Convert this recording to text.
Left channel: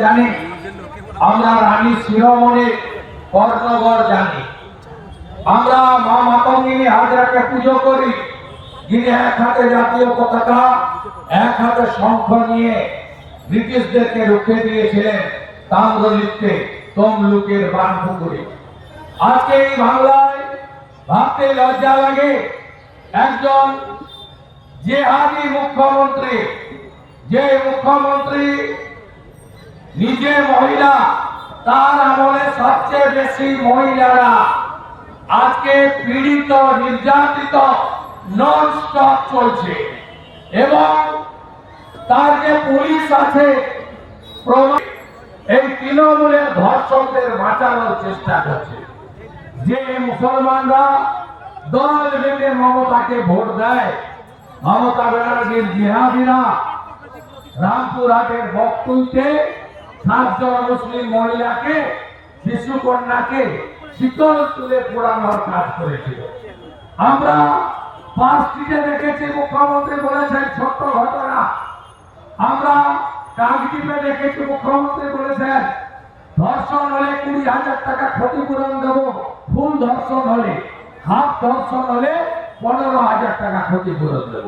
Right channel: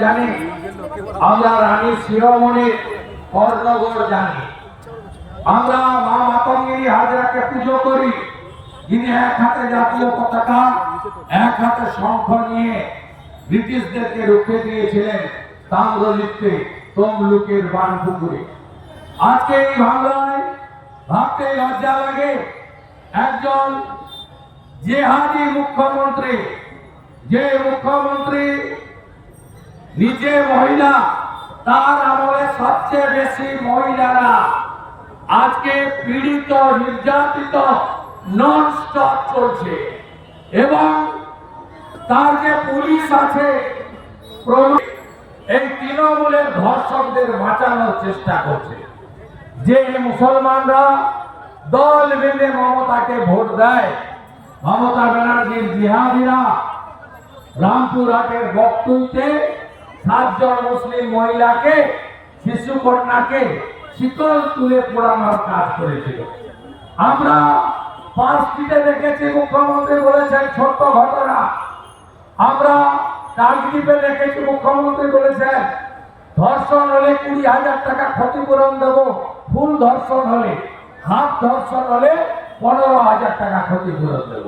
জানি, আমরা রানী শিরোমণির কর্ণগড় জানি, আমরা মা মাতঙ্গিনী হাজরাকে পুজো করি, যিনি এক হাতে জাতীয় পতাকা এক হাতে শঙ্খ নিয়ে ব্রিটিশদেরকে রুখে দিয়েছিলেন তাম্রলিপ্তে তমলুকের বানপুকুরে। আজকে এই বাংলায় ভাবতে লজ্জা লাগে, একজন জিহাদি মুখ্যমন্ত্রী, যে মুখ্যমন্ত্রী নিজে মহিলা, তার আমলে সবচেয়ে বেশি মহিলারা আজকে পীড়িত নির্যাতিত নন স্টপ চলছে, এবং তারকে পুলিশ আছে এই তৃণমূলের ধর্ষকদের বাঁচানোর চেষ্টা করছে। যে মুসলমানরা দল বেঁধে মমতাকে ভোট দেয়, মমতা ব্যানার্জির জিহাদিরা রামপুরহাটের বকটুইতে 7 জন মুসলিম মহিলাকে, শিশু কন্যাকে শীতল তুলে পোড়ানোর কাজ করেছিল। আমরা পাঁচটিতে দেখেছি মুখ্যমন্ত্রী বলেছেন ছোট্ট ঘটনা। আমরা কাকদ্বীপে দেখেছি মুখ্যমন্ত্রী বলেছেন ধর্ষণ হলে 20,000 টাকা ক্ষতিপূরণ দেব, ফুল ধর্ষণ হলে, হাফ ধর্ষণ হলে 15,000 টাকা ক্ষতিপূরণ দেব।